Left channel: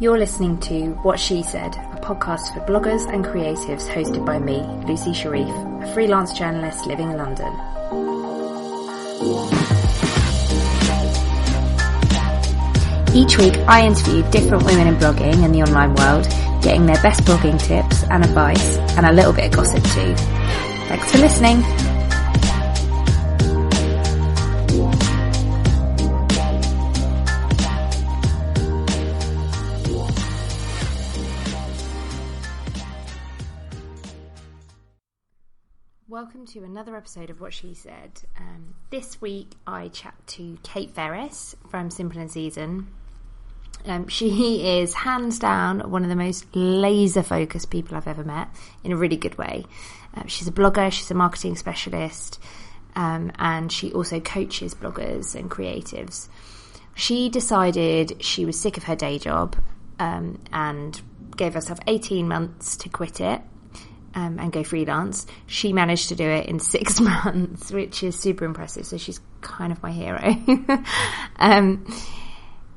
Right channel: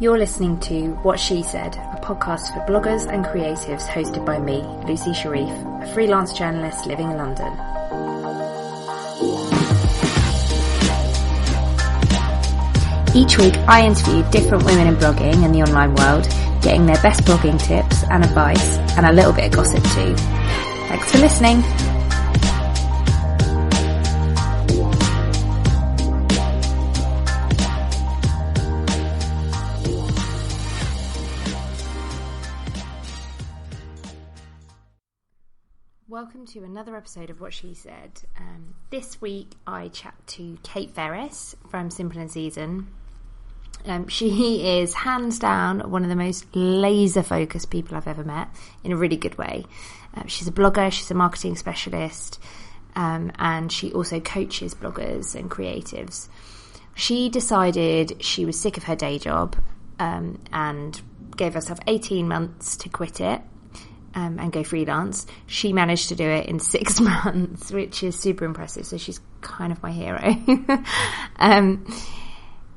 You're listening to What She Said, a podcast for bloggers and creatives hosted by me, Lucy Sharif, a freelance journalist living in London. Each week I interview different women in blogging and the online world, getting their best blogging tips and advice, and a little bit of gossip too. Thanks for listening. Welcome to another episode of What She Said. This week I chat to Kayte Ferris from Simple and Season. She is hands down one of the most laser focused people I've ever met, in a really good way. She's a blogger, she's a marketing specialist, and she also coaches bloggers and creatives. She decided she was sick of her day job and gave herself 18 months to quit it. And go freelance. She managed to do it in 6 months, which is super impressive. So she's kind of my hero.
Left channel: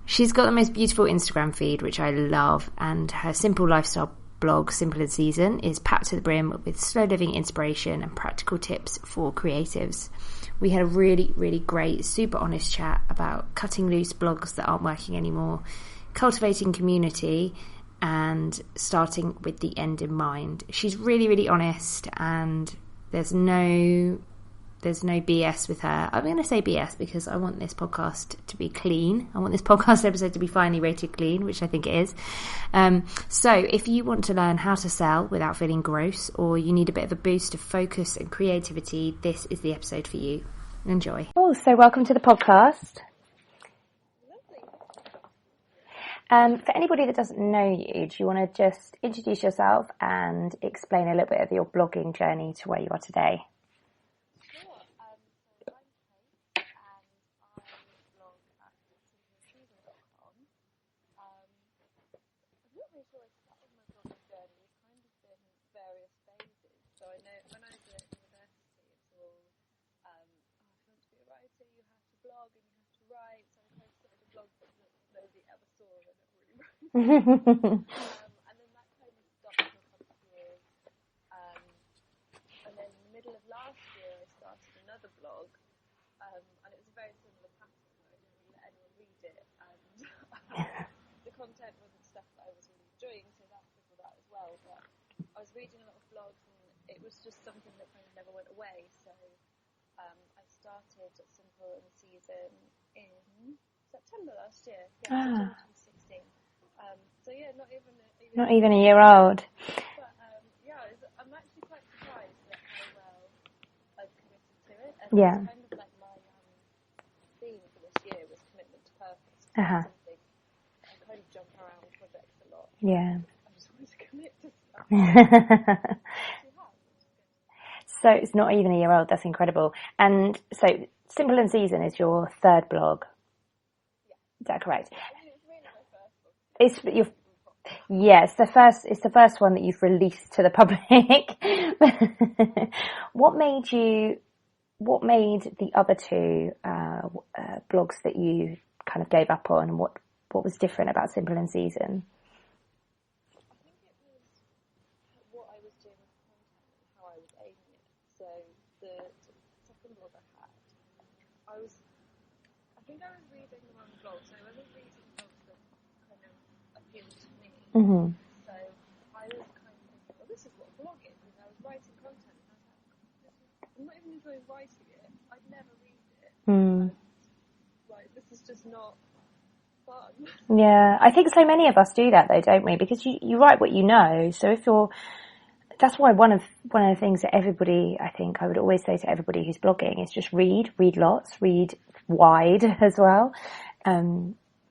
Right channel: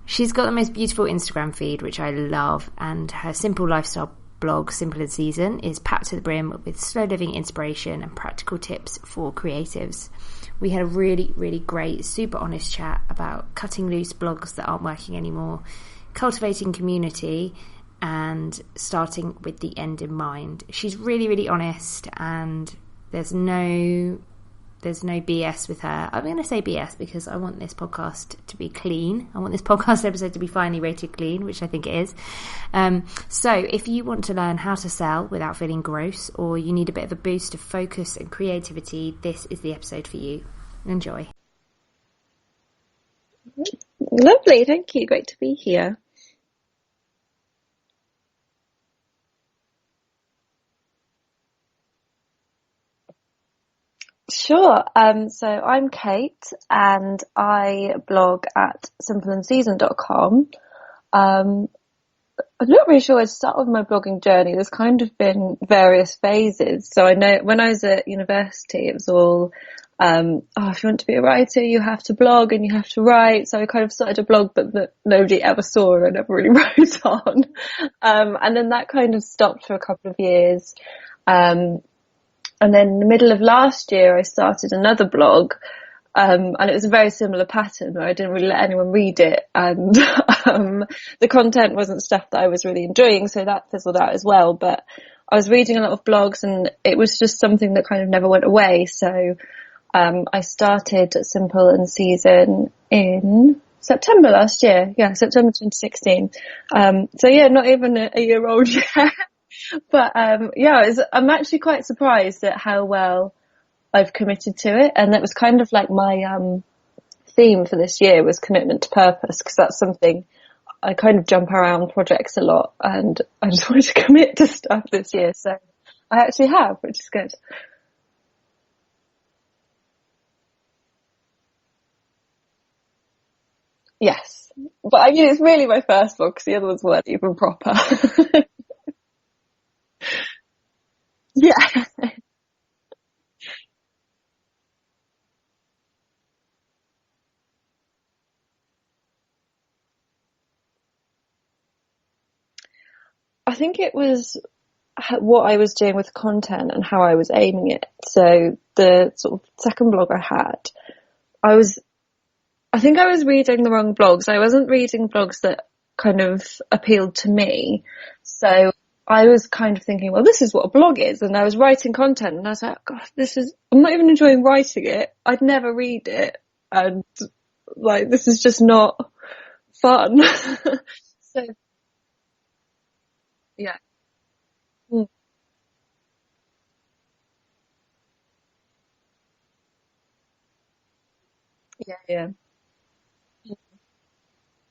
She's got the most beautiful Instagram feed, which I love. And her simple lifestyle blog, Simple and Season, is packed to the brim with slow living inspiration and practical tips for creatives. We had a really, really great, super honest chat about cutting loose blogs that aren't working anymore, cultivating community, and starting with the end in mind. She's really, really honest, and there's no BS with her. I'm going to say BS because I want this podcast to be clean. I want this podcast episode to be finally rated clean, which I think it is. So if you want to learn how to sell without feeling gross, or you need a bit of a boost of focus and creativity, this is the episode for you. Enjoy. Oh, so welcome to the podcast. Lovely, thank you. Great to be here. For anybody that doesn't know you, do you want to just introduce yourself and explain a little bit of your blogging journey to where you are today? Sure. So I'm Kayte and I blog at simpleandseason.com. I'm not really sure where to start with my blogging journey. There's kind of been various phases. So I know when I was at university, it was all if you want to be a writer, you have to blog and you have to write. So I kind of started a blog, but that nobody ever saw and I never really wrote on. And then that kind of stopped for a couple of years. And then in the middle of last year, I started another blog. And it was a very similar pattern where I didn't really let anyone read it. And the content wasn't stuff that I was really enjoying. So that fizzled out as well. But I was reading a lot of blogs and it was just something that kind of never went away. So I started Simple and Season in September last year. Yeah, September 2016. So yeah, not even a year old yet. But I'm actually quite surprised at how well I've committed to it. And that was kind of like my theme for this year was commitment to purpose, because that's something I kind of jump around projects a lot and I just wanted to commit to stuff this year. So I actually have, which is good. So it's not even a year old. That's incredible. And so Simple and Season is your third blog. Yes. Is that correct? But I mean, it's really my first blog because the other ones weren't even proper. Yes, it's the first one that you've released to the public. Yeah. What made the other two blogs that you kind of gave up on? What was different about Simple and Season? I think it was what I was doing with content and how I was aiming it. So the sort of second blog I had, I think I was reading the wrong blogs. I wasn't reading blogs that kind of appealed to me. Mm-hmm. So I was kind of thinking, well, this is what a blog is. And I was writing content and I was like, God, I'm not even enjoying writing it. I'd never read it. And like, this is just not fun. Yeah, I think so many of us do that though, don't we? Because you write what you know. So if you're, that's why one of the things that everybody, I think I would always say to everybody who's blogging is just read lots, read wide as well,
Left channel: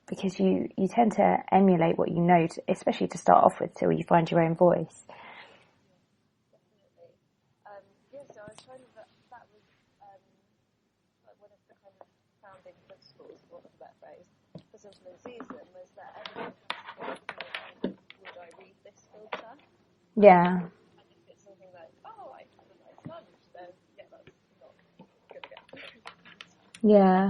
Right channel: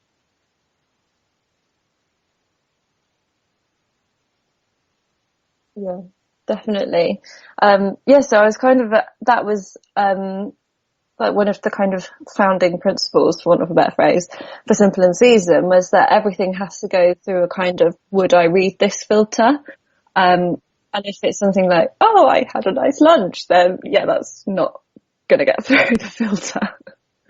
because you tend to emulate what you know, especially to start off with, till you find your own voice. Yeah, definitely. So I was kind of that was like one of the kind of founding principles, for want of a better phrase, for Simple and Season was that everything has to go through a kind of would I read this filter. And if it's something like, oh, I had a nice lunch, then that's not going to get through the filter. Yeah.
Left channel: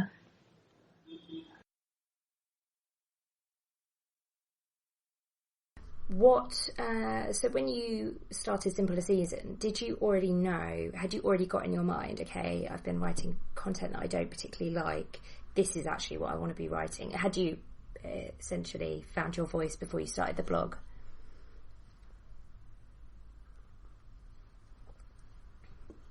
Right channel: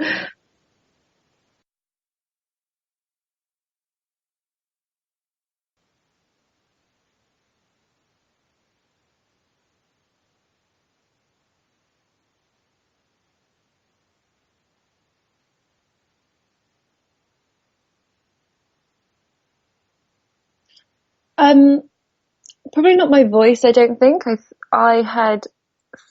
So when you started Simple a Season, had you already got in your mind, okay, I've been writing content that I don't particularly like, this is actually what I want to be writing? Had you essentially found your voice before you started the blog? Probably not my voice, I don't think. I had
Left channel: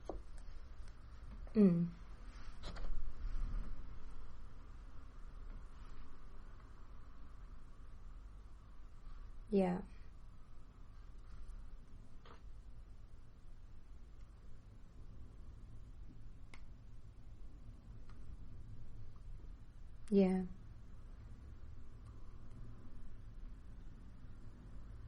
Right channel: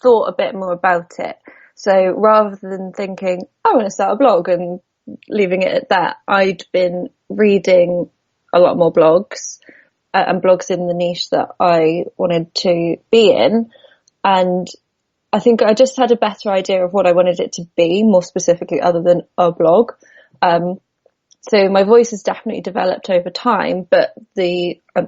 thought a bit more about it. So rather than thinking, I want to start a blog and leaving it at that, I'd been reading a lot more blogs. Yeah. And blogs in the niche that I wanted to be in. And I think I just had a better idea of what I wanted it to be, more specifically, other than a blog. Yeah. So my voice has definitely developed over time, but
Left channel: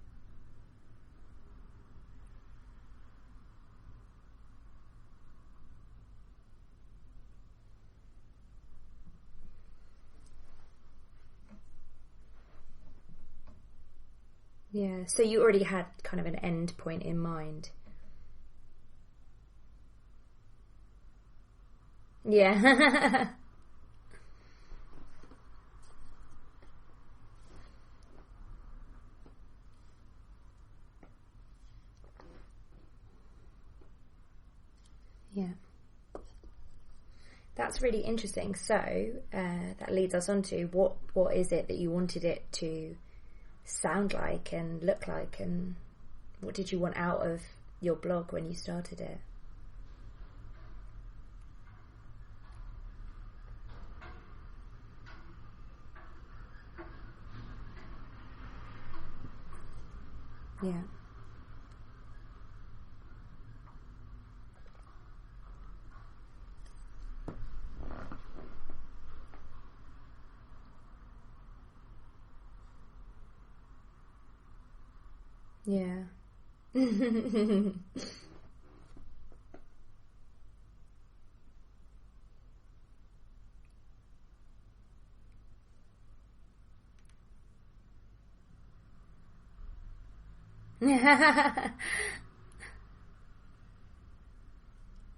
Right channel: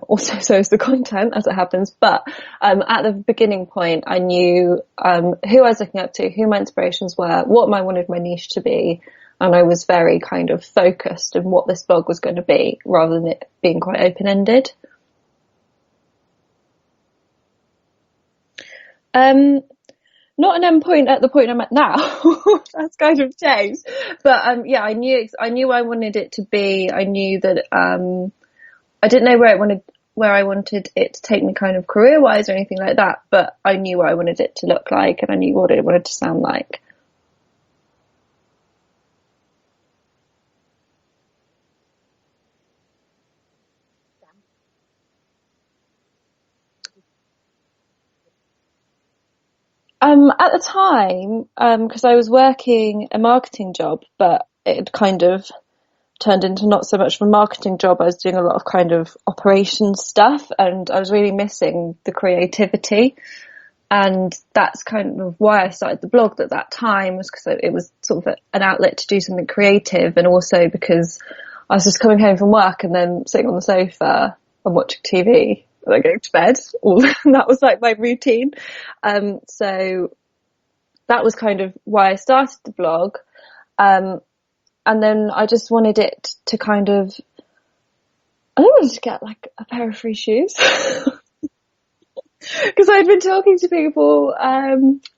also so is the content, as it happens. But at the beginning point, I knew who I was looking up to, who my inspirations were, what I wanted my niche to be. And I was very kind of focused on what this blog was going to be, rather than it being quite open-ended. Yeah. So you already had kind of an end point in mind. Not an end point at the point I'm at now. Yeah. It's kind of changed. But yeah, I knew I wanted it to be. I knew that I didn't know where I wanted it to take me kind of career-wise or anything like that. But I knew what I wanted it to look like, and I knew what it wanted to sound like. That's really interesting. So that leads us on to what is it that you wanted it to sound like and look like, and what did you want out of your blog when you started it? At the time, because I was working a marketing job, but it had kind of turned into not so much of a marketing job. I was doing a lot of kind of operations stuff, and I was really missing the creativity. And that's kind of why I started the blog at that time, was because it was sort of an outlet to do something creative, and also because I was just coming home from work and then sitting on the sofa and watching TV and then going to bed. That was like my routine. So that was kind of why I started the blog. And then I just wanted it to kind of, I wanted to get like a pair of free shoes. Because I'd been talking to people, I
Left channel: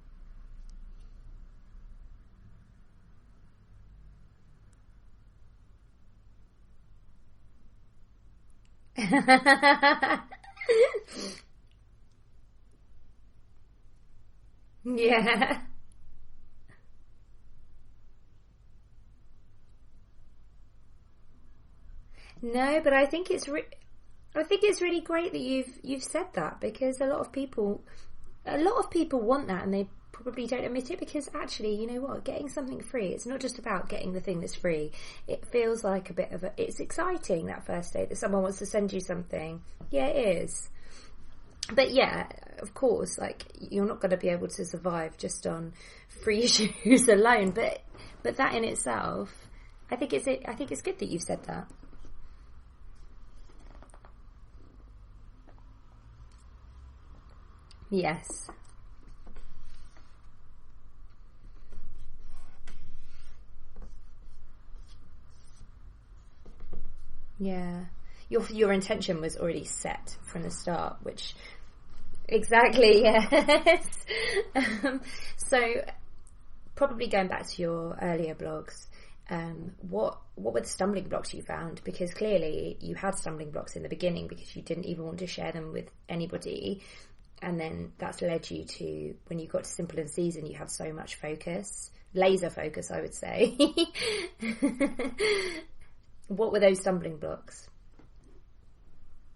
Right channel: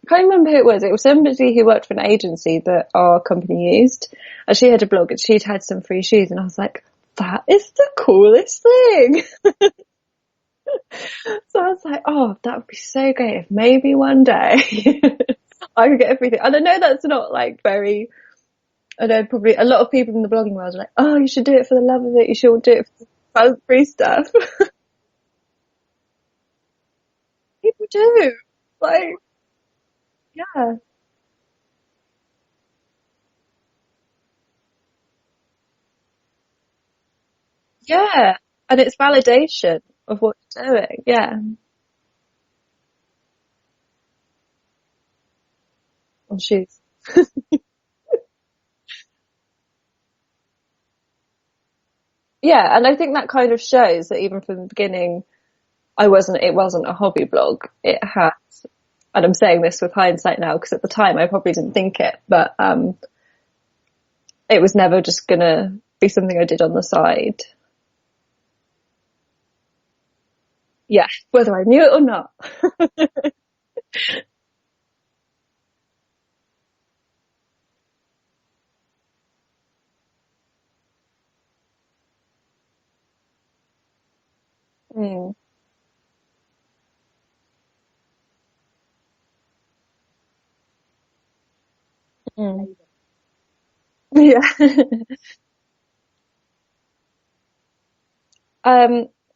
can't remember who it was. It was somebody who worked for an agency that our company used. And she had a blog and she'd had some free shoes. And I was like, that is the coolest thing. So I was like, oh, that would be so great if maybe one day I could get everything. And I know that's not like I know probably a lot of people in the blogging world are like, oh, you should do it for the love of it. You should do it but I think for free stuff. I think it's really great that you've said that, because a lot of people do. A lot of people want that, and they probably don't admit it, because actually, you know what, getting something free, it's not just about getting the thing that's free. It feels like a bit of it's exciting, that first step. And it's validation of what you're doing. Yeah. But yeah, of course, like, you're not going to be able to survive just on free shoes alone, but that in itself, I think it's good that you've said that. Yeah, and I think that kind of shows that even from the beginning, it wasn't a hobby blog. It has, and I'm saying this with hindsight now, because at the time I probably didn't think it, but it was never just gonna be something I did on the side. Yeah. Your intention was already set from the start. Yeah, whether I knew it or not. Exactly, yeah. So, probably going back to your earlier blogs, what were the stumbling blocks you found? Because clearly you had stumbling blocks in the beginning, because you didn't even want to share them with anybody, and then that's led you to, when you got to Simple and Season, you had so much focus, laser focus, I would say. Yeah. What were those stumbling blocks?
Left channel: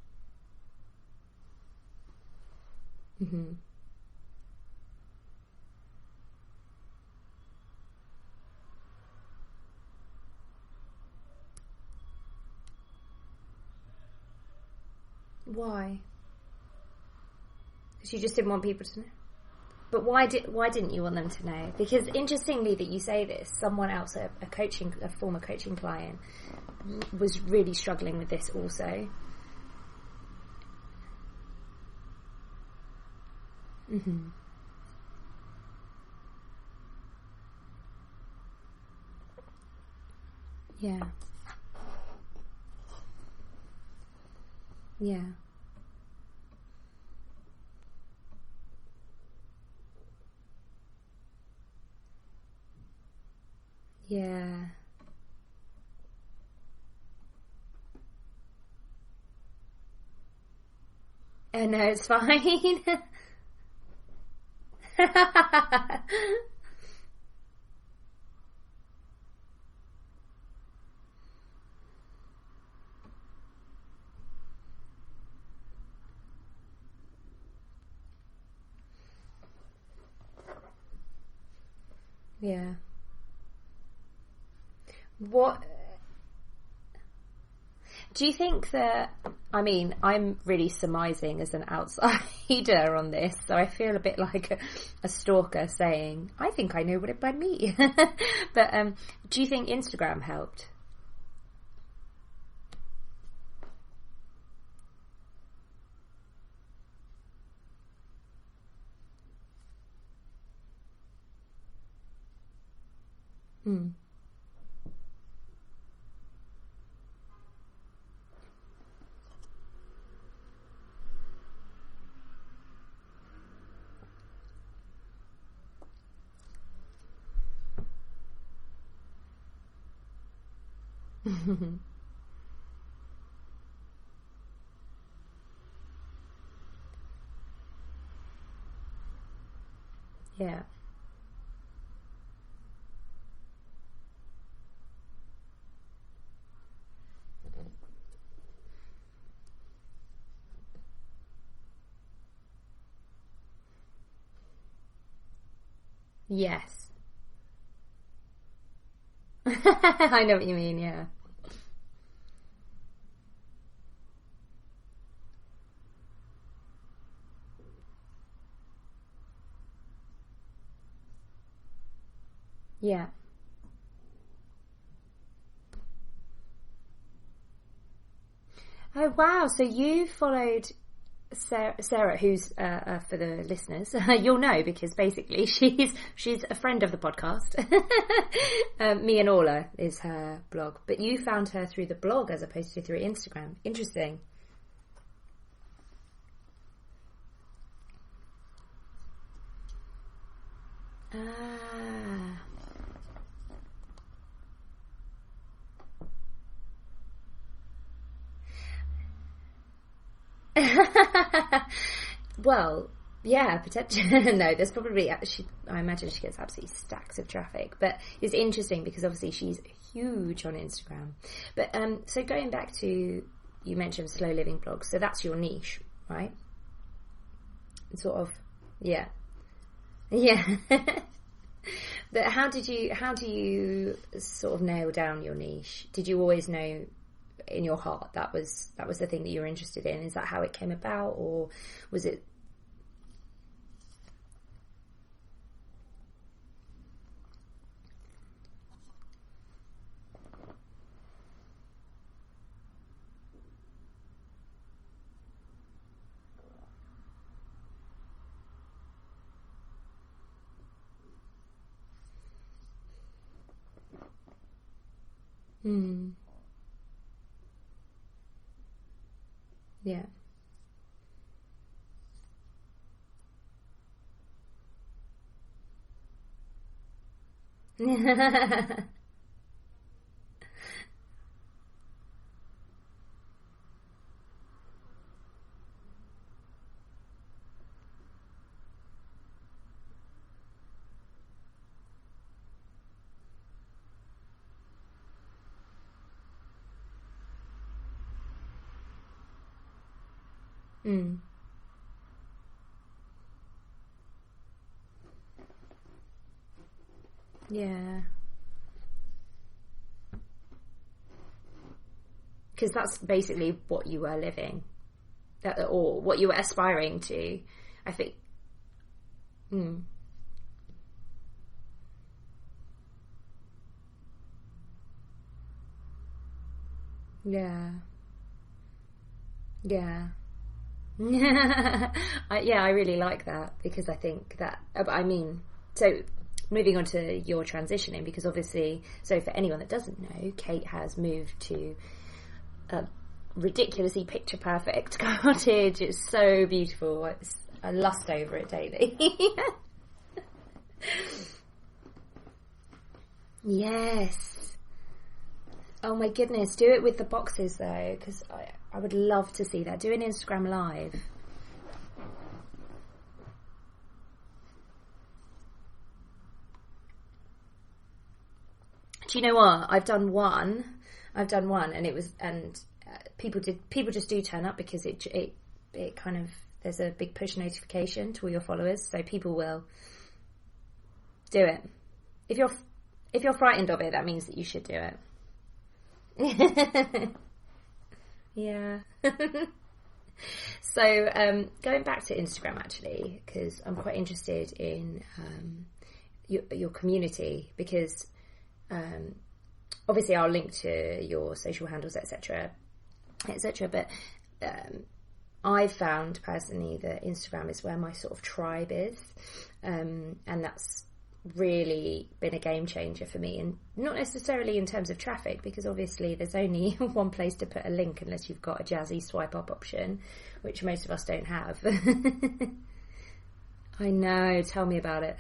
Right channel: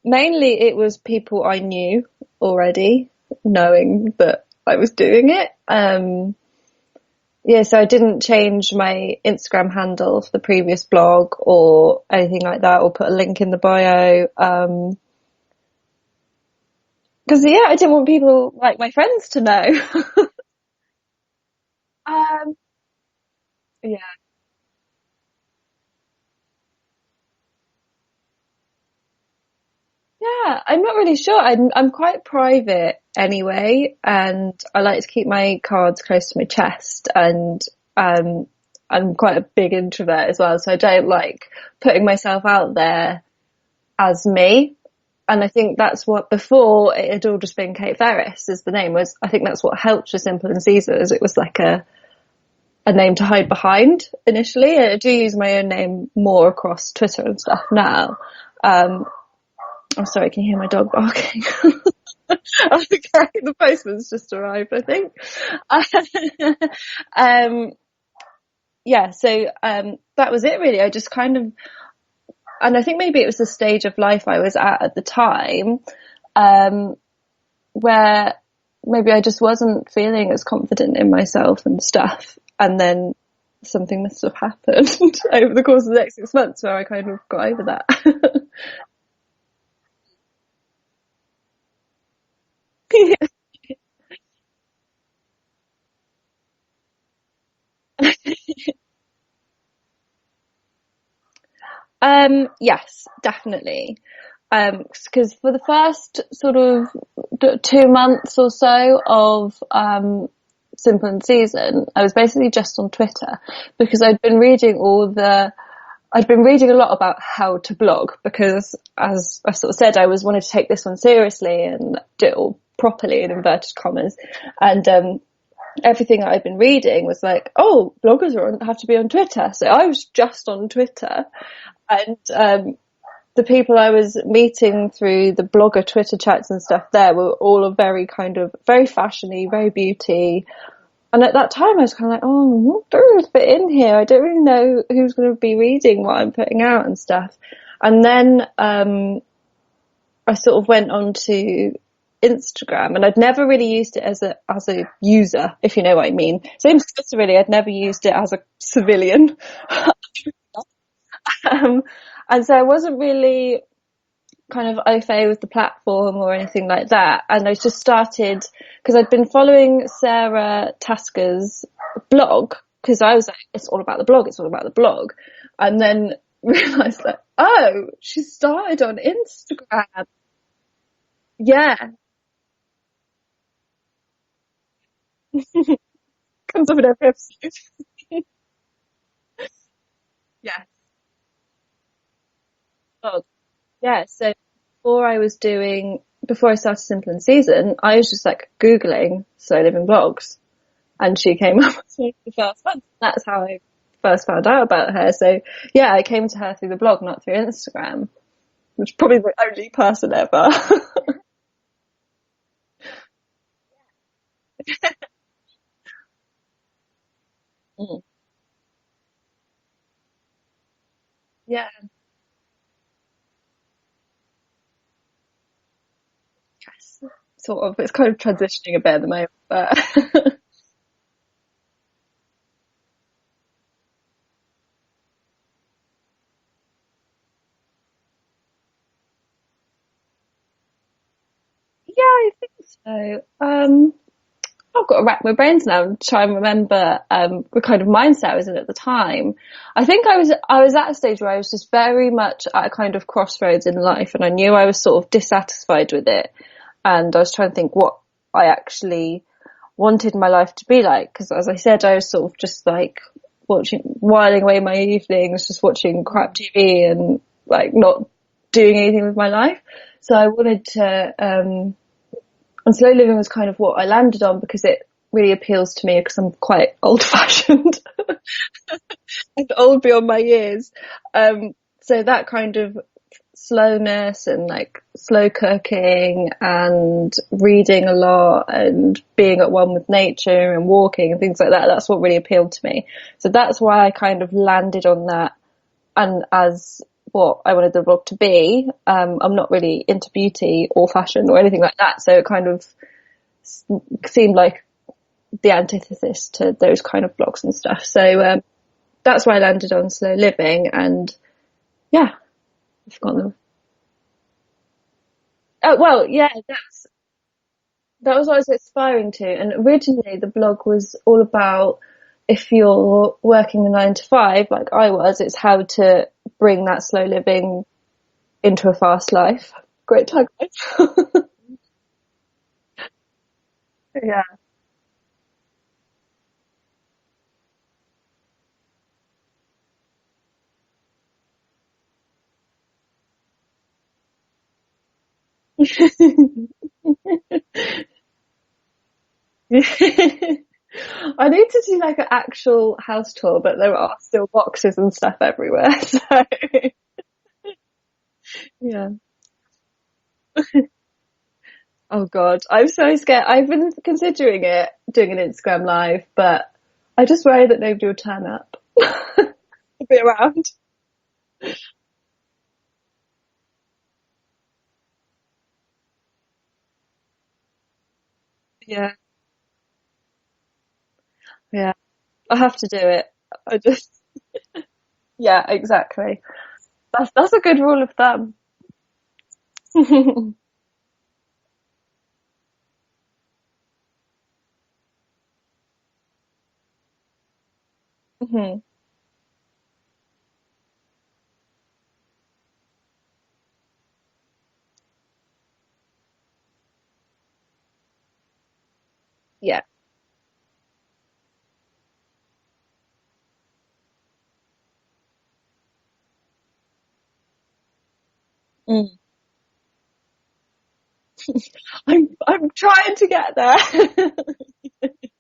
Mainly it was people I knew already, knowing that I was doing it. So I didn't change my Instagram handle for the previous blog or anything like that, or put a link in the bio. Why? Because I didn't want people like my friends to know. Why didn't you want them to know? Because interestingly that you say this, someone else, a former coaching client, was really struggling with this also. Yeah, I'm not really sure. I'm quite private anyway, and I like to keep my cards close to my chest, and I'm quite a big introvert as well, so I don't like putting myself out there as me. Yeah. And I think that's what, before it had all just been Kayte Ferris as the name was, I think that's what helped with Simple and Season, is it was like a name to hide behind initially. I do use my own name more across Twitter and stuff now. Oh, sorry, can you hear my dog barking? Oh, no, it's fine. Okay, the postman's just arrived, I think. So that was it really. I just kind of, and I think maybe it was the stage of life I was at the time, where maybe I just wasn't feeling as confident in myself and stuff. Yeah. And then something must have happened over the course of the next 6 months where I kind of got over that. Do you think that, I mean, I'm really surmising as an outsider on this, so I feel a bit like a stalker saying, I think I know what it might mean. But do you think Instagram helped? Yes, definitely. Because for the first sort of 2 months or so of Simple and Season, I was basically just on Twitter because I'd been reading a lot about how to blog, because as I sort of said, I wanted to take this one seriously and do it all properly in inverted commas. And everything that I'd been reading was like, oh, bloggers have to be on Twitter. So I was just on Twitter. And the people I was meeting through the blogger Twitter chats and stuff there were all very fashiony, very beauty. Yeah. And at that time I was kind of like, oh, there is a bit in here. I don't really know who's going to be reading what I'm putting out and stuff. And then I sort of went on to Instagram, and I'd never really used it as a user, if you know what I mean. Yes. Same as Twitter really, I'd never used it as a civilian. I know what you mean, yeah. And so I wasn't really kind of au fait with the platform or anything like that. And I just started, because I'd been following Sarah Tasker's blog, because I was like, it's all about the blog. And then realised that, oh, she started on Instagram. Wow, so you followed Sarah, who's for the listeners, you'll know because basically she's a friend of the podcast. Me and Orla is her blog, but you found her through the blog as opposed to through Instagram. Interesting. Yeah, so before I started Simple and Season, I was just like Googling slow living blogs, and she came up with the first one. That's how I first found out about her. So yeah, I came to her through the blog, not through Instagram. Which is probably the only person ever. Well, yeah, potentially. No, there's probably, I imagine she gets absolutely stacks of traffic. But it's interesting because obviously she's huge on Instagram. Yeah. But, so going back to, you mentioned slow living blogs, so that's your niche, right? Yes. Sort of. It's kind of transitioning a bit at the moment. But yeah. But how do you sort of nail down your niche? Did you always know in your heart that was the thing that you were interested in? Is that how it came about, or I think so. I've got to rack my brains now and try and remember the kind of mindset I was in at the time. I think I was at a stage where I was just very much at a kind of crossroads in life, and I knew I was sort of dissatisfied with it, and I was trying to think what I actually wanted my life to be like, because as I said, I was sort of just like whiling away my evenings just watching crap TV and like not doing anything with my life. Yeah. So I wanted to, and slow living was kind of what I landed on because it really appeals to me because I'm quite old fashioned and old beyond my years. So that kind of slowness and like slow cooking and reading a lot and being at one with nature and walking and things like that, that's what really appealed to me. So that's why I kind of landed on that, and as what I wanted the blog to be. I'm not really into beauty or fashion or anything like that, so it kind of seemed like the antithesis to those kind of blogs and stuff. So that's why I landed on slow living, and because that's basically what you were living. You were aspiring to. I think that was what I was aspiring to, and originally the blog was all about, if you're working a 9 to 5 like I was, it's how to bring that slow living into a fast life. Yeah. Great tagline. I really like that, because I think that, I mean, so moving on to your transitioning, because obviously, so for anyone that doesn't know, Kate has moved to a ridiculously picture perfect cottage. It's so beautiful. I lust over it daily. I need to do like an actual house tour, but there are Yes. still boxes and stuff everywhere. Oh my goodness, do it with the boxes though, because I would love to see that. Do an Instagram live. Oh God, I'm so scared. I've been considering doing an Instagram live, but I just worry that nobody will turn up. Do you know what? I've done one, and people just do turn up because it kind of, there's a big push notification to all your followers, so people will do it. Yeah, I'll have to do it. If you're frightened of it, that means that you should do it. Yeah, exactly. That's a good rule of thumb. Yeah. So going back to Instagram actually, because I'm quite interested in your community, because obviously I'll link to your social handles, etc. But I've found personally that Instagram is where my sort of tribe is. Yeah. And that's really been a game changer for me, and not necessarily in terms of traffic, because obviously there's only one place to put a link unless you've got a jazzy swipe up option, which most of us don't have. I'm trying to get there. I know, tell me about it.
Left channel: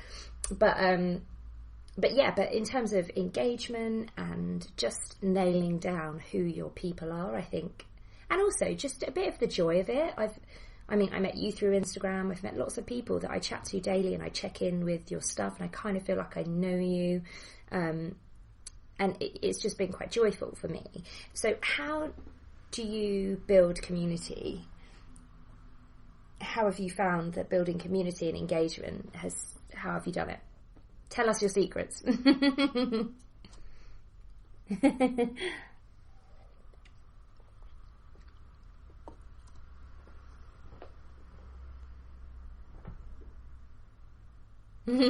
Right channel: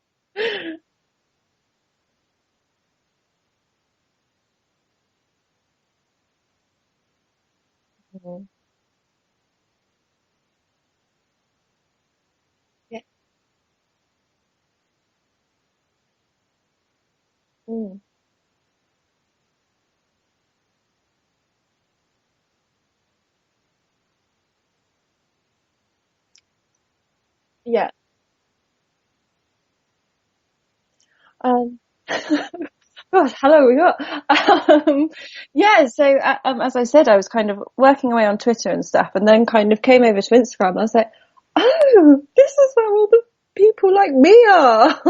But in terms of engagement and just nailing down who your people are, I think, and also just a bit of the joy of it. I met you through Instagram. I've met lots of people that I chat to daily, and I check in with your stuff, and I kind of feel like I know you. And it's just been quite joyful for me. So how do you build community? How have you found that building community and engagement how have you done it? Tell us your secrets. Gosh, hello, we got. So as I said, I was kind of working away on Twitter and stuff, and then kind of came over to Instagram. I was like, oh, this is where all the people like me are.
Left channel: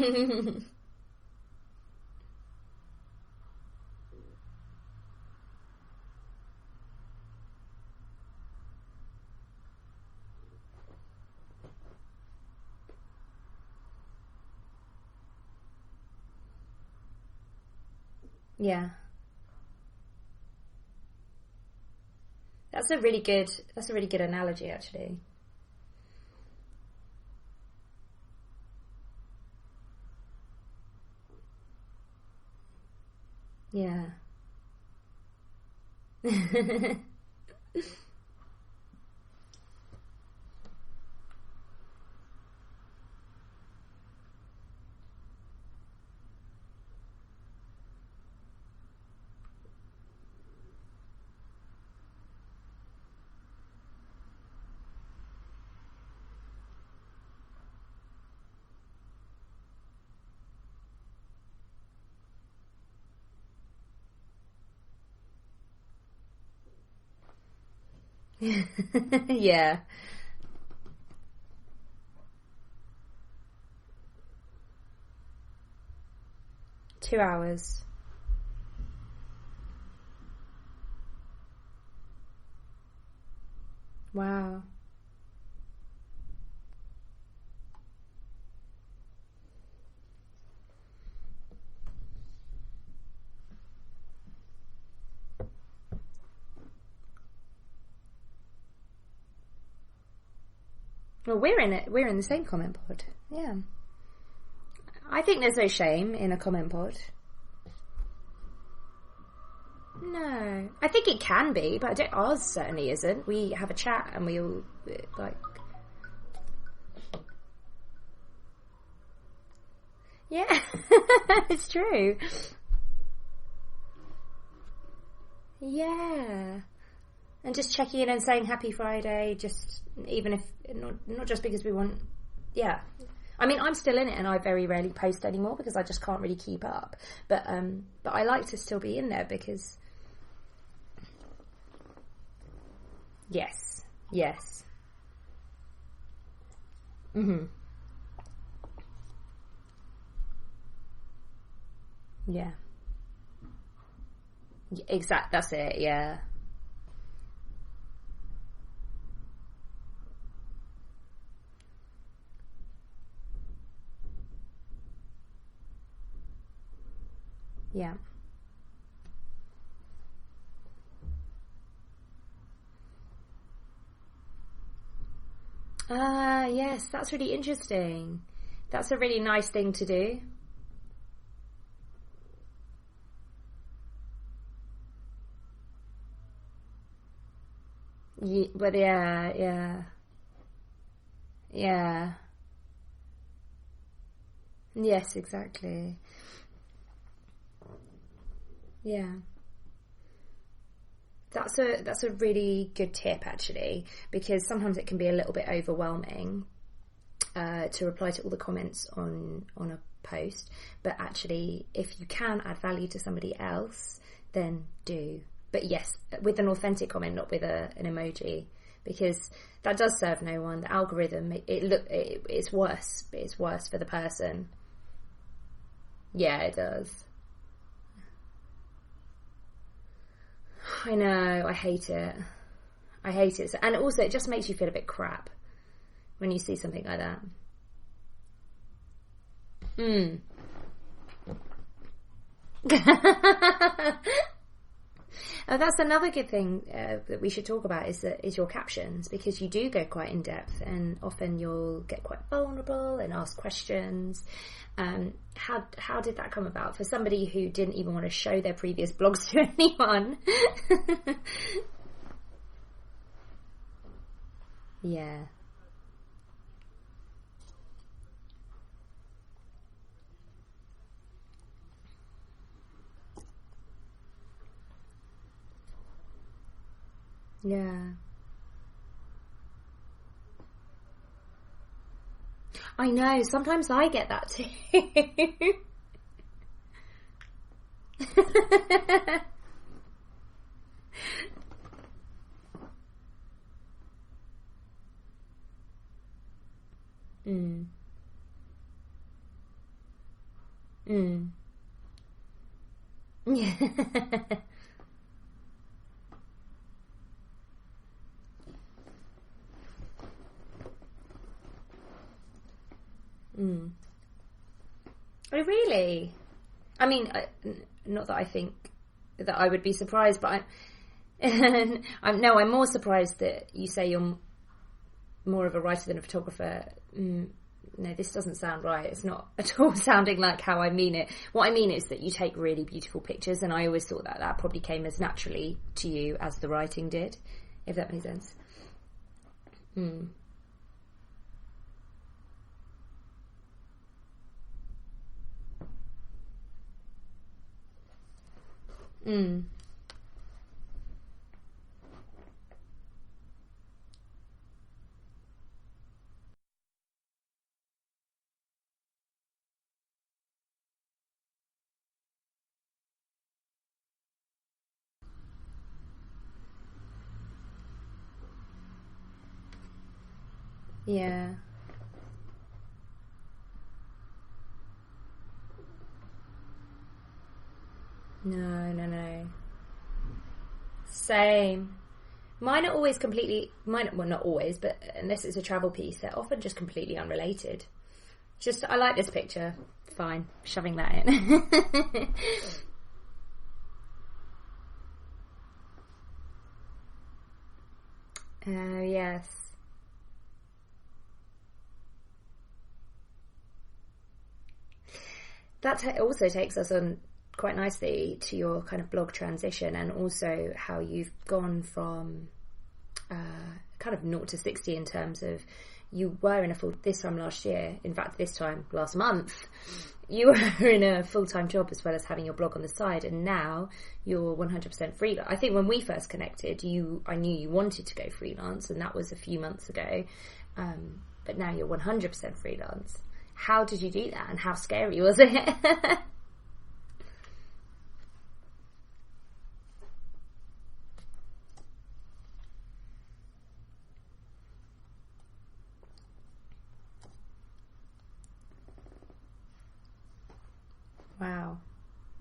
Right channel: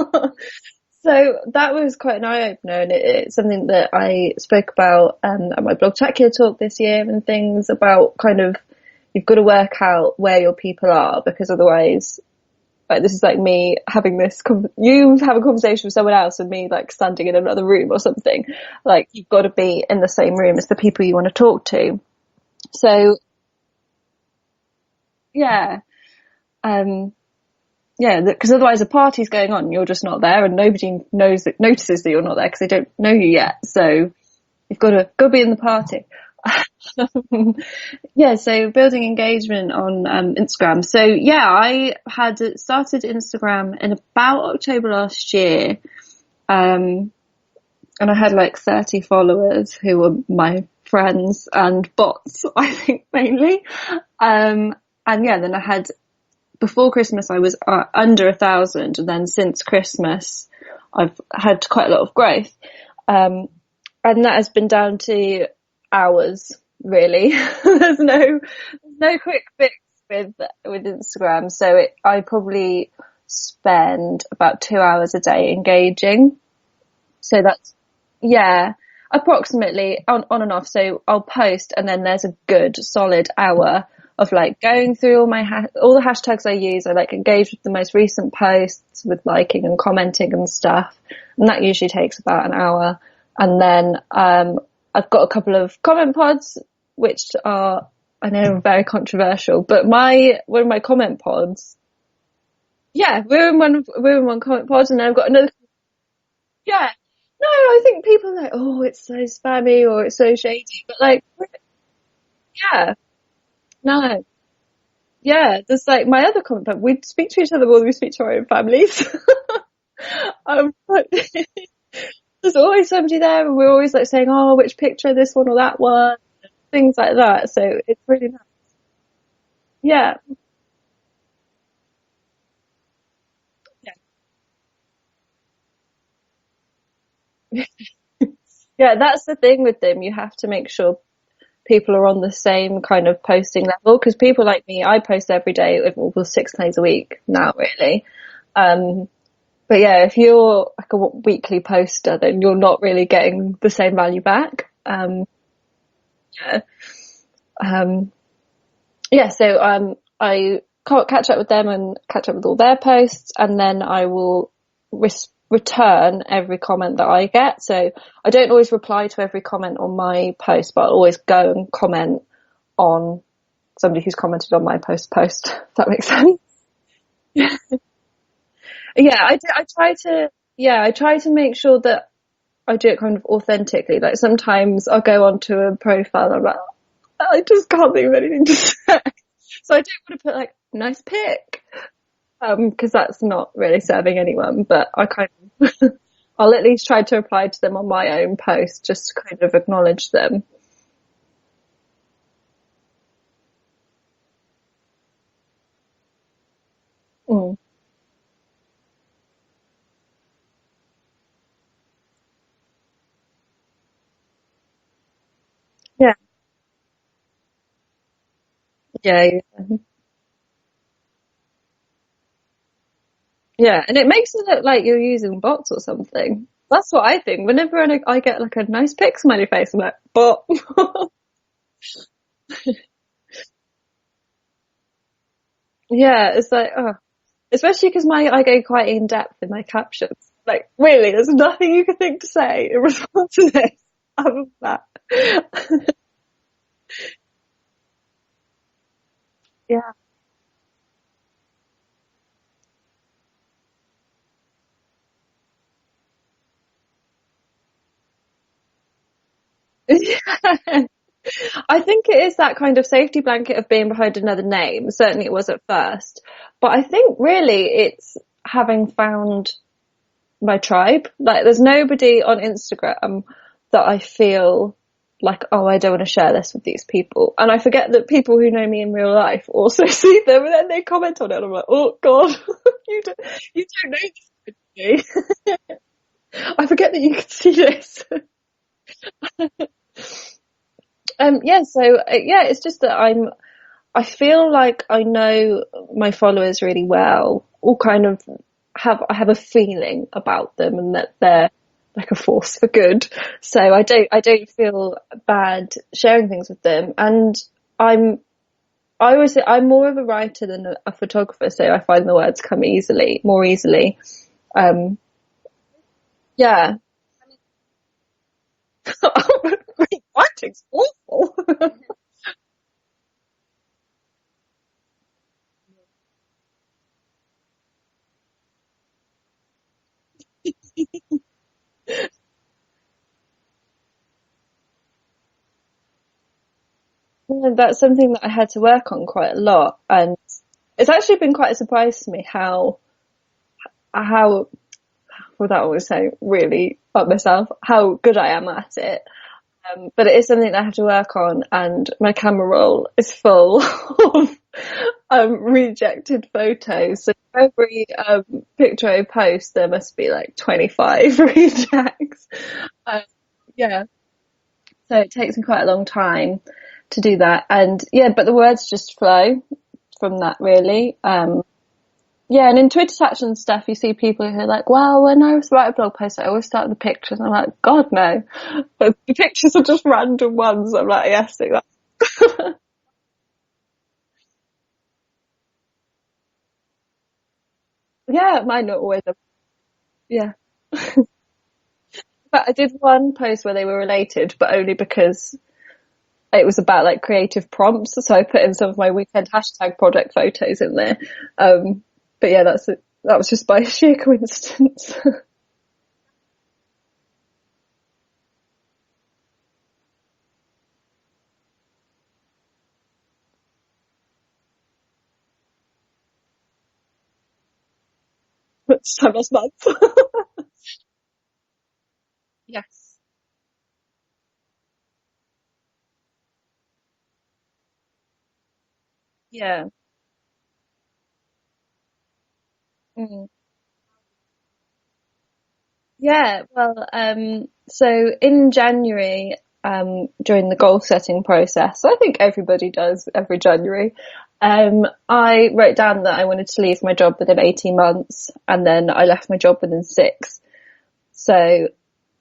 So that was quite an eye-opener, and it's something that I spoke about at my Blogtacular talk this year, and things about kind of, you've got to work out where your people are, because otherwise, like, this is like me having you have a conversation with someone else and me like standing in another room or something. Yeah. Like, you've got to be in the same room as the people you want to talk to. That's a really good analogy, actually. Yeah. Because otherwise a party's going on and you're just not there, and nobody notices that you're not there because they don't know you yet. So you've got to be in the party. So building engagement on Instagram. So I had started Instagram in about October last year, and I had like 30 followers who were my friends and bots, I think, mainly. And then I had, before Christmas I was under 1,000, and then since Christmas I've had quite a lot of growth. And that has been down to hours, really. There's no quick fix with Instagram. So I probably spend about 2 hours a day engaging. 2 hours. So that's, approximately on and off. So I'll post, and then there's a good solid hour of like going through all the hashtags I use. I like engage with the most recent posts with liking and commenting and stuff. And that usually takes about an hour. And then I've got a couple of comment pods, which are, I know, very controversial, but one of my comment pods. We're in the same comment pod. Yeah, we're in one comment pod, and then I've got another. There's no shame in a comment pod. No, I think people are like, oh, it's so spammy or it's so shady. I think it can be, but ours certainly isn't. We have a chat and we all. There's like my other comment pod. We speak to each other more than we speak to our own families. It's true. There's always somebody there, and we're always like saying, oh, which picture, this one or that one, things like that. And so just checking in and saying Happy Friday, even if not just because we want. I mean, I'm still in it, and I very rarely post anymore because I just can't really keep up. But I like to still. That's the thing with them. You have to make sure people are on the same kind of posting level, because people like me, I post every day, well, 6 days a week now, really. But if you're like a weekly poster, then you're not really getting the same value back. Exactly. That's it. Yeah. So I catch up with them and catch up with all their posts, and then I will return every comment that I get. So I don't always reply to every comment on my post, but I'll always go and comment on somebody who's commented on my post. If that makes sense. Yes, that's really interesting. That's a really nice thing to do. I try to make sure that I do it kind of authentically. Like sometimes I'll go onto a profile and I'm like, I just can't think of anything to say. Yeah. So I don't want to put like nice pic. Yeah. Because that's not really serving anyone. But yes, exactly. I'll at least try to reply to them on my own post, just to kind of acknowledge them. That's a really good tip, actually, because sometimes it can be a little bit overwhelming to reply to all the comments on a post. But actually, if you can add value to somebody else, then do. But yes, with an authentic comment, not with an emoji, because that does serve no one. The algorithm, it's worse. It's worse. Yeah, and it makes it look like you're using bots or something. Yeah, it does. That's what I think. Whenever I get like a nice pic smiley face, I'm like, bot. I know. I hate it. And also, it just makes you feel a bit crap. Yeah, it's like that. Especially because I go quite in depth in my captions. Like, really, there's nothing you could think to say in response to this other than that. And that's another good thing that we should talk about is your captions, because you do get quite in depth, and often you'll get quite vulnerable and ask questions. How did that come about for somebody who didn't even want to show their previous blogs to anyone? I think it is that kind of safety blanket of being behind another name. Yeah. Certainly it was at first, but I think really it's having found my tribe. Like, there's nobody on Instagram that I feel like, oh, I don't want to share this with these people. And I forget that people who know me in real life also see them, and then they comment on it, and I'm like, oh god. I know, sometimes I get that too. I forget that you can see this. It's just that I feel like I know my followers really well, or kind of I have a feeling about them, and that they're like a force for good. Yeah. So I don't feel bad sharing things with them. And I always say I'm more of a writer than a photographer, so I find the words come more easily. Oh, really? Yeah. I mean, not that I think that I would be surprised. I'm more surprised that you say you're more of a writer than a photographer. No, this doesn't sound right. It's not at all sounding like how I mean it. What I mean is that you take really beautiful pictures, and I always thought that probably came as naturally to you as the writing did. Yeah, that's something that I had to work on quite a lot, and it's actually been quite a surprise to me how without always saying really up myself, how good I am at it. But it is something that I have to work on, and my camera roll is full of rejected photos. So every picture I post, there must be like 25 rejects. So it takes me quite a long time to do that, and but the words just flow from that, really. And in Twitter chats and stuff, you see people who are like, well, when I write a blog post, I always start with the pictures. I'm like, God, no. But the pictures are just random ones. I'm like, yes, do that. Mine are always well, not always, but unless it's a travel piece, they're often just completely unrelated. Yeah, mine not always. I like this picture. Fine, shoving that in. But I did one post where they were related, but only because it was about like creative prompts. So I put in some of my weekend hashtag project photos in there. But yeah, that was just by sheer coincidence. That also takes us on quite nicely to your kind of blog transition, and also how you've gone from kind of 0 to 60 in terms of you were in this time last year, in fact this time last month, you were in a full-time job as well as having your blog on the side, and now you're 100% freelance. I think when we first connected, I knew you wanted to go freelance, and that was a few months ago. But now you're 100% freelance. How did you do that, and how scary was it? So in January, during the goal setting process, I think everybody does every January, I wrote down that I wanted to leave my job within 18 months, and then I left my job within 6. Wow. So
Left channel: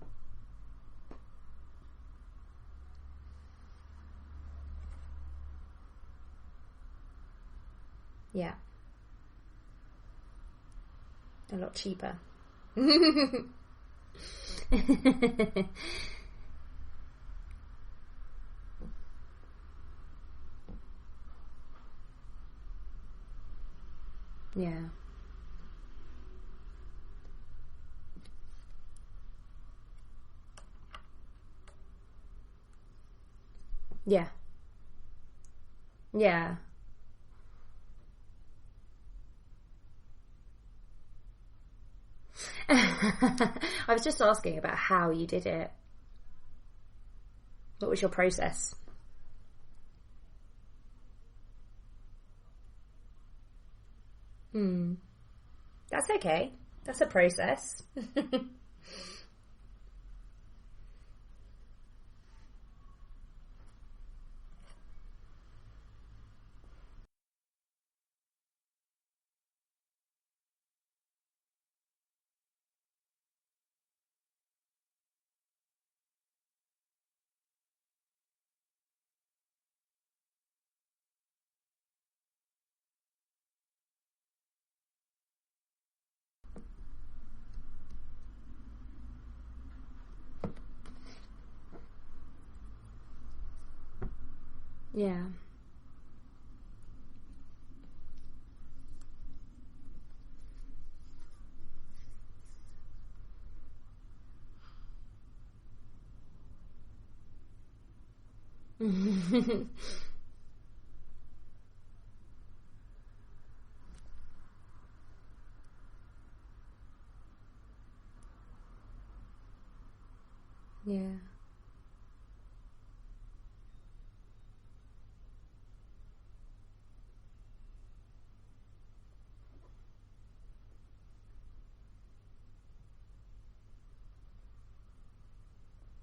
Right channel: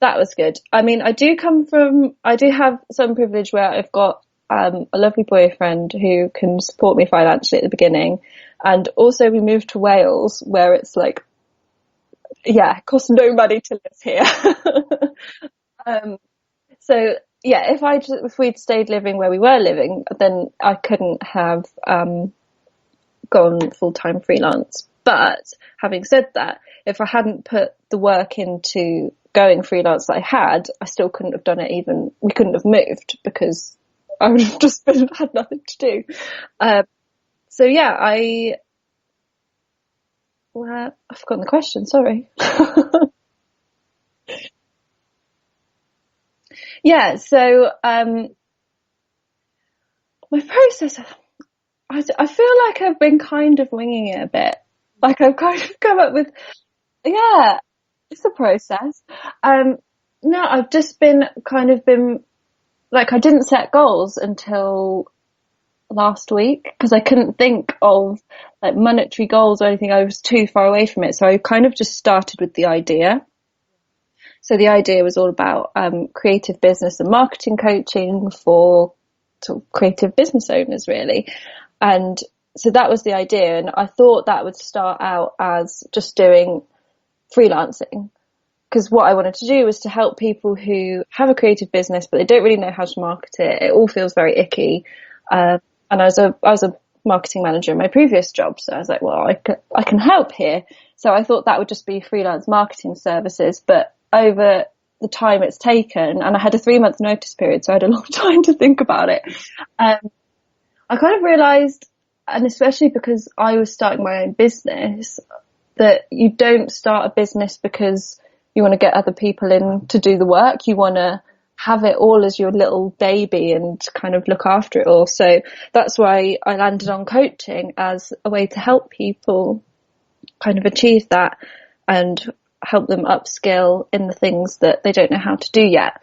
that was good. I mean, I do have some privilege where I've got a lovely boyfriend who can support me financially at the beginning, and also we moved to Wales where it's like a lot cheaper. It costs no money to live here. So if we'd stayed living where we were living, then I couldn't have gone full-time freelance. But having said that, if I hadn't put the work into going freelance that I had, I still couldn't have done it. Even we couldn't have moved because I would have just had nothing to do. So yeah, I've forgotten the question, sorry. I was just asking about how you did it. Yeah, so what was your process? My process, I feel like I've been kind of winging it a bit. Like I've kind of come up with that's a process. It's a process. No, I've just been like, I didn't set goals until last week because I couldn't think of like monetary goals or anything. I was too far away from it, so I kind of just started with the idea. So the idea was all about creative business and marketing coaching for sort of creative business owners, really. And so that was the idea, and I thought that would start out as just doing freelancing, because what I wanted to do was to help people who have a creative business but they don't really know how to market it. It all feels very icky. And I was a marketing manager in my previous job, so I was like, well, I can help here. So I thought that would just be freelance marketing services, but over the time it's taken, and I had a 3-month notice period, so I had a long time to think about it. I kind of realised, and especially because I was starting my own business, that you don't start a business because you want to get other people in to do the work. You want to have it all as your little baby and kind of look after it all. So that's why I landed on coaching as a way to help people kind of achieve that and help them upskill in the things that they don't know how to do yet.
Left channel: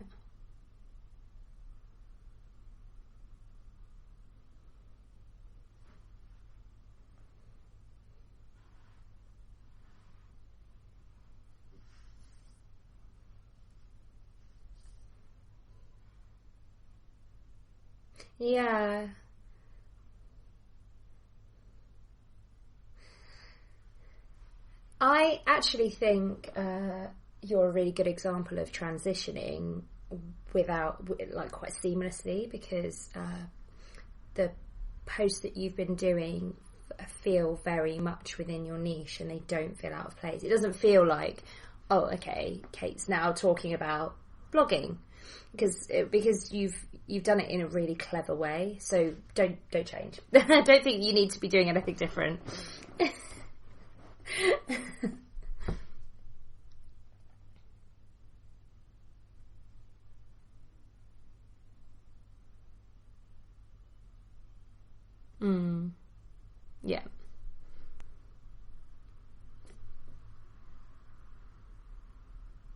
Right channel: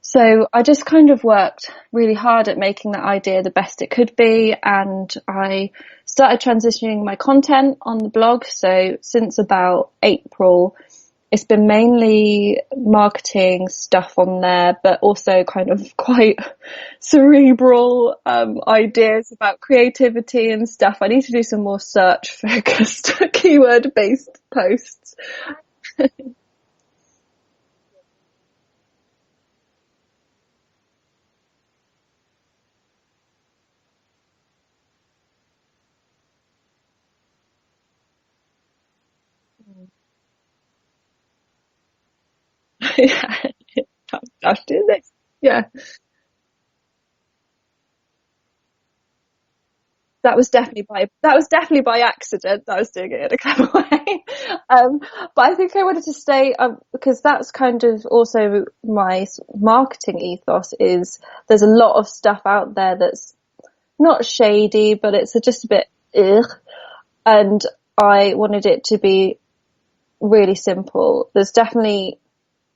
So I just kind of worked really hard at making that idea the best it could be, and I started transitioning my content on the blog. So since about April, it's been mainly marketing stuff on there, but also kind of quite cerebral ideas about creativity and stuff. I need to do some more search focused, keyword based posts. I actually think you're a really good example of transitioning quite seamlessly, because the posts that you've been doing feel very much within your niche and they don't feel out of place. It doesn't feel like, oh, okay, Kayte's now talking about blogging. Because you've done it in a really clever way, so don't change. That was definitely by accident that I was doing it in a clever way. But I think I wanted to stay, because that's kind of also my marketing ethos, is there's a lot of stuff out there that's not shady, but it's just a bit ugh. And I wanted it to be really simple. There's definitely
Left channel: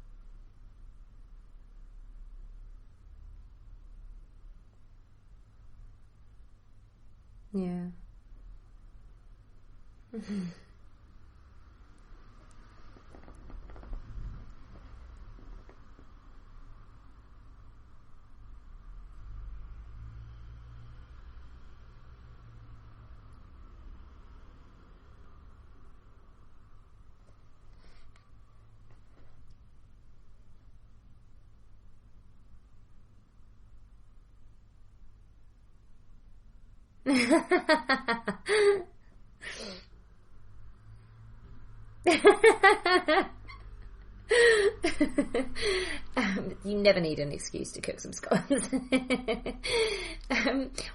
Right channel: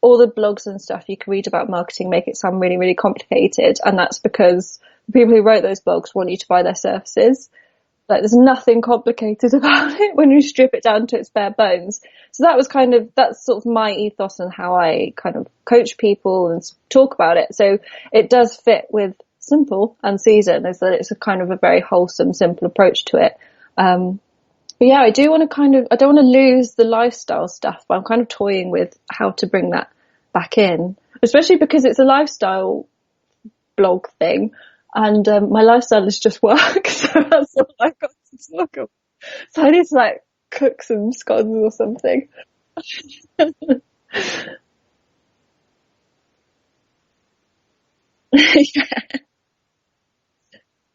all the blogs and stuff you can read about marketing make it sound really, really complicated, and that's because the people who wrote those blogs want you to buy their services. Like, there's nothing complicated about it when you strip it down to its bare bones. So that's sort of my ethos and how I kind of coach people and talk about it. So it does fit with simple and season, is that it's a kind of a very wholesome, simple approach to it. But yeah, I don't want to lose the lifestyle stuff, but I'm kind of toying with how to bring that back in, especially because it's a lifestyle blog thing, and my lifestyle is just work, so that's what I've got to struggle. So I need to like cook some scones or something. You never need an excuse to cook some scones.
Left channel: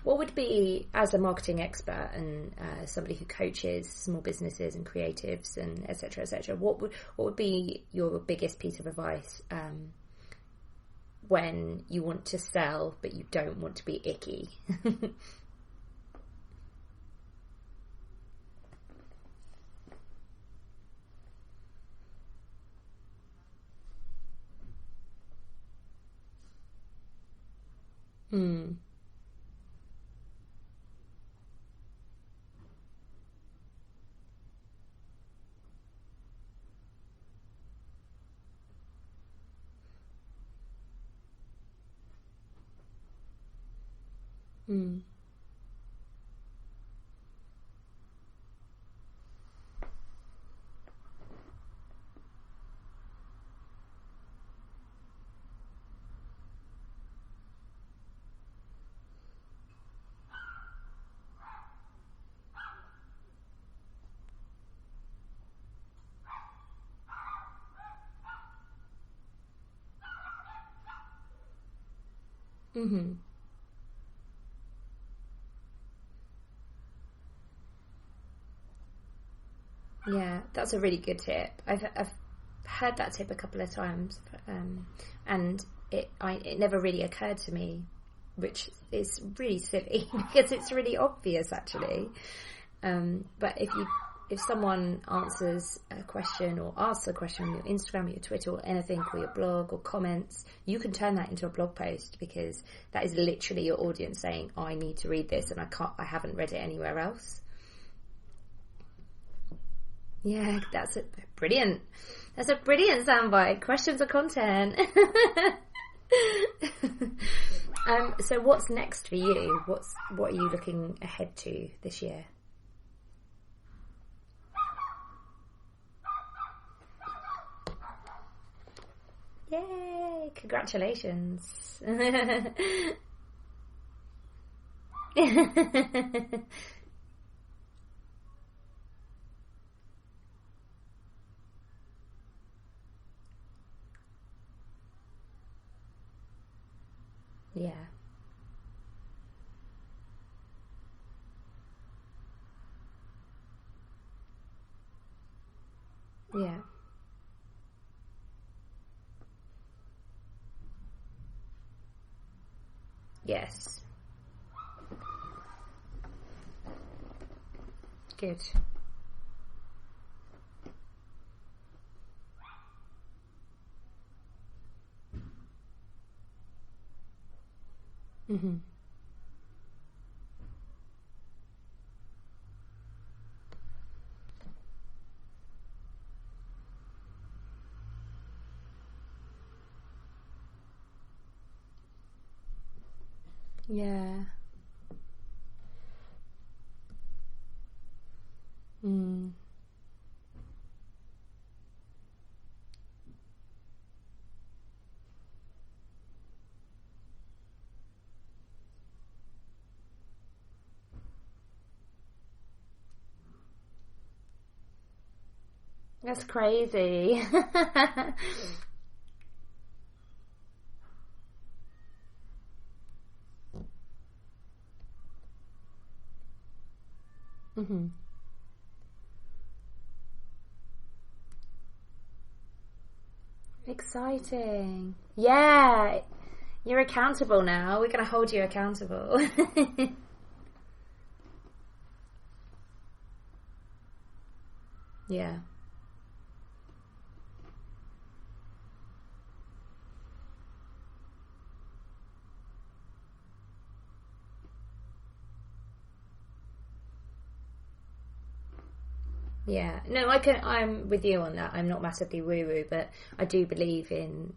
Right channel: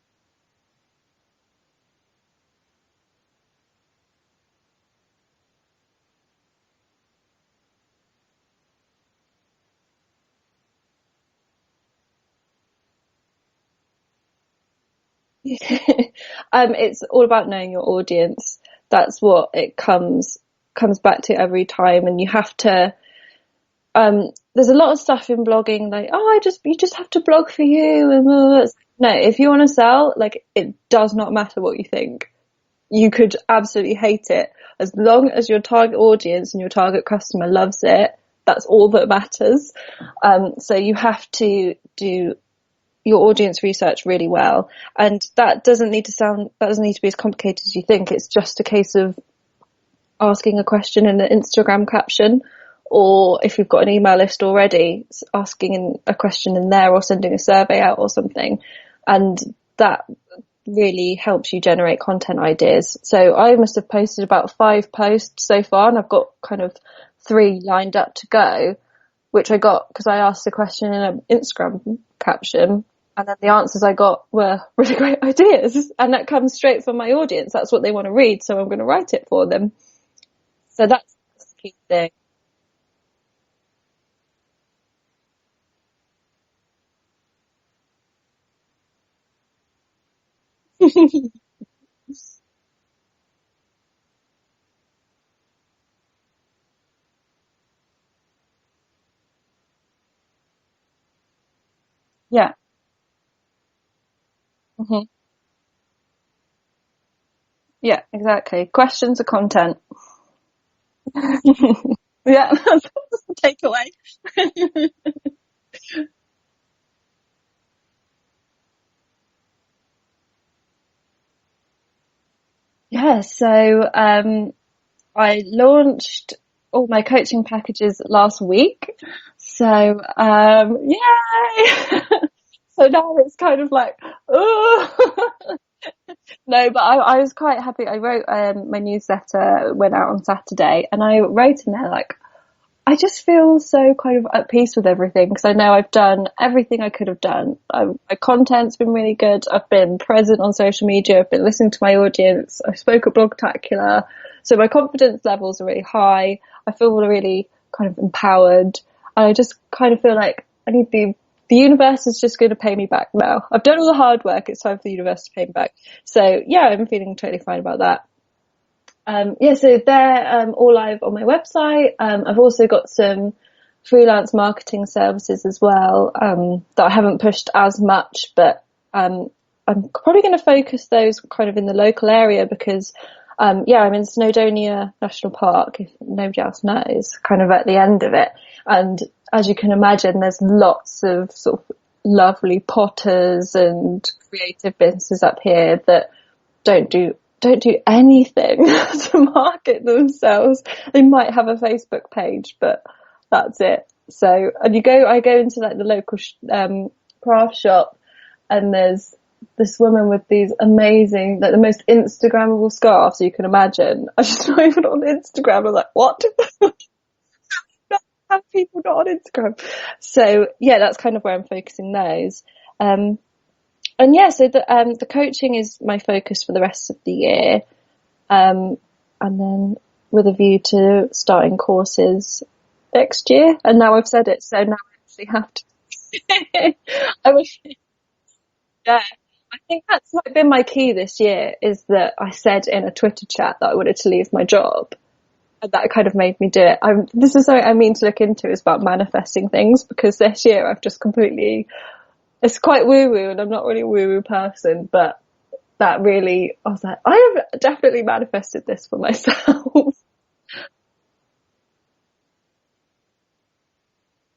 What would be, as a marketing expert and somebody who coaches small businesses and creatives and etc., what would be your biggest piece of advice when you want to sell but you don't want to be icky? It's all about knowing your audience. That's what it comes back to every time, and you have to. There's a lot of stuff in blogging like, you just have to blog for you, and no, if you want to sell, like, it does not matter what you think. You could absolutely hate it, as long as your target audience and your target customer loves it. That's all that matters. So you have to do your audience research really well, and that doesn't need to be as complicated as you think. It's just a case of asking a question in an Instagram caption, or if you've got an email list already, asking a question in there, or sending a survey out or something. And that really helps you generate content ideas. So I must have posted about 5 posts so far, and I've got kind of 3 lined up to go, which I got because I asked a question in an Instagram caption, and then the answers I got were really great ideas, and that comes straight from my audience. That's what they want to read, so I'm going to write it for them. Yeah, that's a really good tip. I've heard that tip a couple of times, and it never really occurred to me, which is really silly because it's really obvious actually. But if someone answers a question or asks a question on your Instagram or your Twitter or anything, or your blog or comments, you can turn that into a blog post, because that is literally your audience saying, I need to read this and I haven't read it anywhere else. Yeah, exactly. Questions are content. Yeah, that's it. Brilliant. That's a brilliant soundbite. Questions are content. So what's next for you? What are you looking ahead to this year? Yeah, so I launched all my coaching packages last week. So yay! So now it's kind of like, no, but I was quite happy. I wrote my newsletter, went out on Saturday, and I wrote in there like, I just feel so kind of at peace with everything, because I know I've done everything I could have done. My content's been really good. I've been present on social media. I've been listening to my audience. I spoke at Blogtacular. So my confidence levels are really high. Yeah. I feel really kind of empowered. I just kind of feel like the universe is just going to pay me back now. Yes. I've done all the hard work. It's time for the universe to pay me back. So yeah, I'm feeling totally fine about that. Good. So they're all live on my website. I've also got some freelance marketing services as well that I haven't pushed as much, but I'm probably going to focus those kind of in the local area, because I'm in Snowdonia National Park, if nobody else knows, kind of at the end of it. And as you can imagine, there's lots of sort of lovely potters and creative businesses up here that don't do anything to market themselves. They might have a Facebook page, but that's it. So, and I go into like the local craft shop, and there's this woman with these amazing, like the most Instagrammable scarves you can imagine. I'm just not even on Instagram. I'm like, what? That's crazy. Have people not on Instagram? So yeah, that's kind of where I'm focusing those. And yeah, so the coaching is my focus for the rest of the year. And then with a view to starting courses next year. And now I've said it, so now you're accountable now. We're going to hold you accountable. Yeah. I think that's been my key this year, is that I said in a Twitter chat that I wanted to leave my job. Yeah. And that kind of made me do it. This is something I mean to look into, is about manifesting things, because this year I've just completely... It's quite woo-woo, and I'm not really a woo-woo person, but that really, I was like, I have definitely manifested this for myself. Yeah. No, I'm with you on that. I'm not massively woo-woo, but I do believe in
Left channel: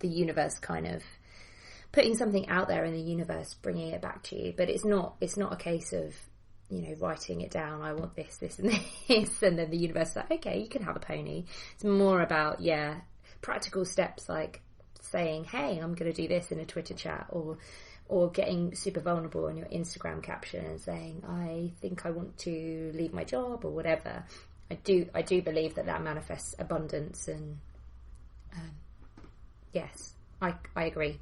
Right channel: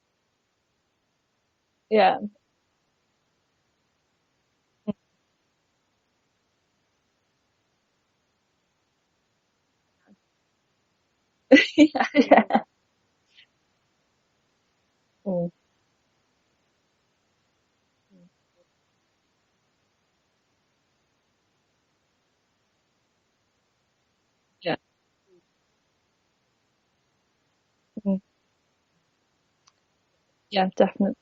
the universe kind of putting something out there in the universe, bringing it back to you. But it's not a case of, writing it down. I want this, this, and this, and then the universe is like, okay, you can have a pony. It's more about practical steps, like saying, hey, I'm going to do this in a Twitter chat, or getting super vulnerable on your Instagram caption and saying, I think I want to leave my job, or whatever. Yeah. I do believe that manifests abundance, and yes, I agree.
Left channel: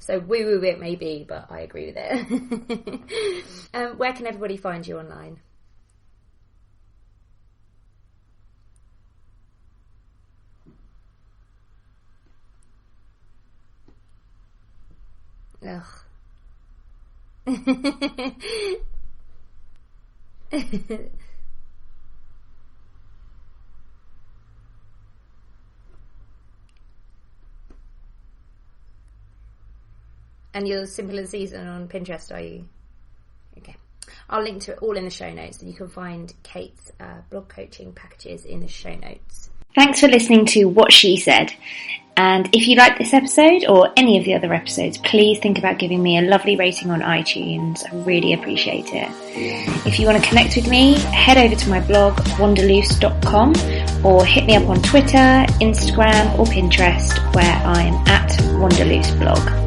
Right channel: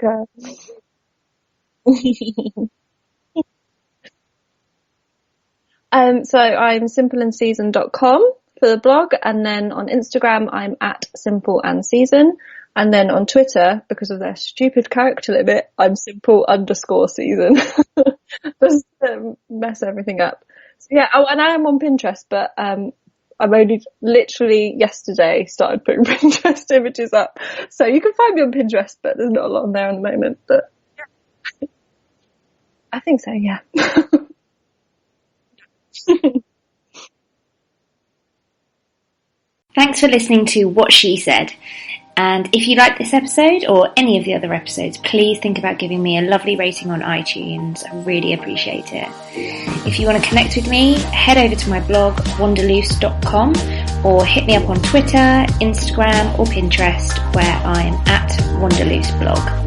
So woo-woo it may be, but I agree with it. Where can everybody find you online? So I'm simpleandseason.com for the blog, and then on Instagram I'm at simpleandseason, and then on Twitter, because of their stupid character limit, I'm simple_season. Just to mess everything up. Yeah, and I am on Pinterest, but I'm only literally yesterday started putting Pinterest images up, so you can find me on Pinterest, but there's not a lot on there at the moment. But... And you're Simple and Season on Pinterest, are you? I think so, yeah. Okay. I'll link to it all in the show notes, and you can find Kayte's blog coaching packages in the show notes. Thanks for listening to What She Said. And if you like this episode or any of the other episodes, please think about giving me a lovely rating on iTunes. I really appreciate it. If you want to connect with me, head over to my blog, wanderloose.com, or hit me up on Twitter, Instagram, or Pinterest, where I'm at wanderlooseblog.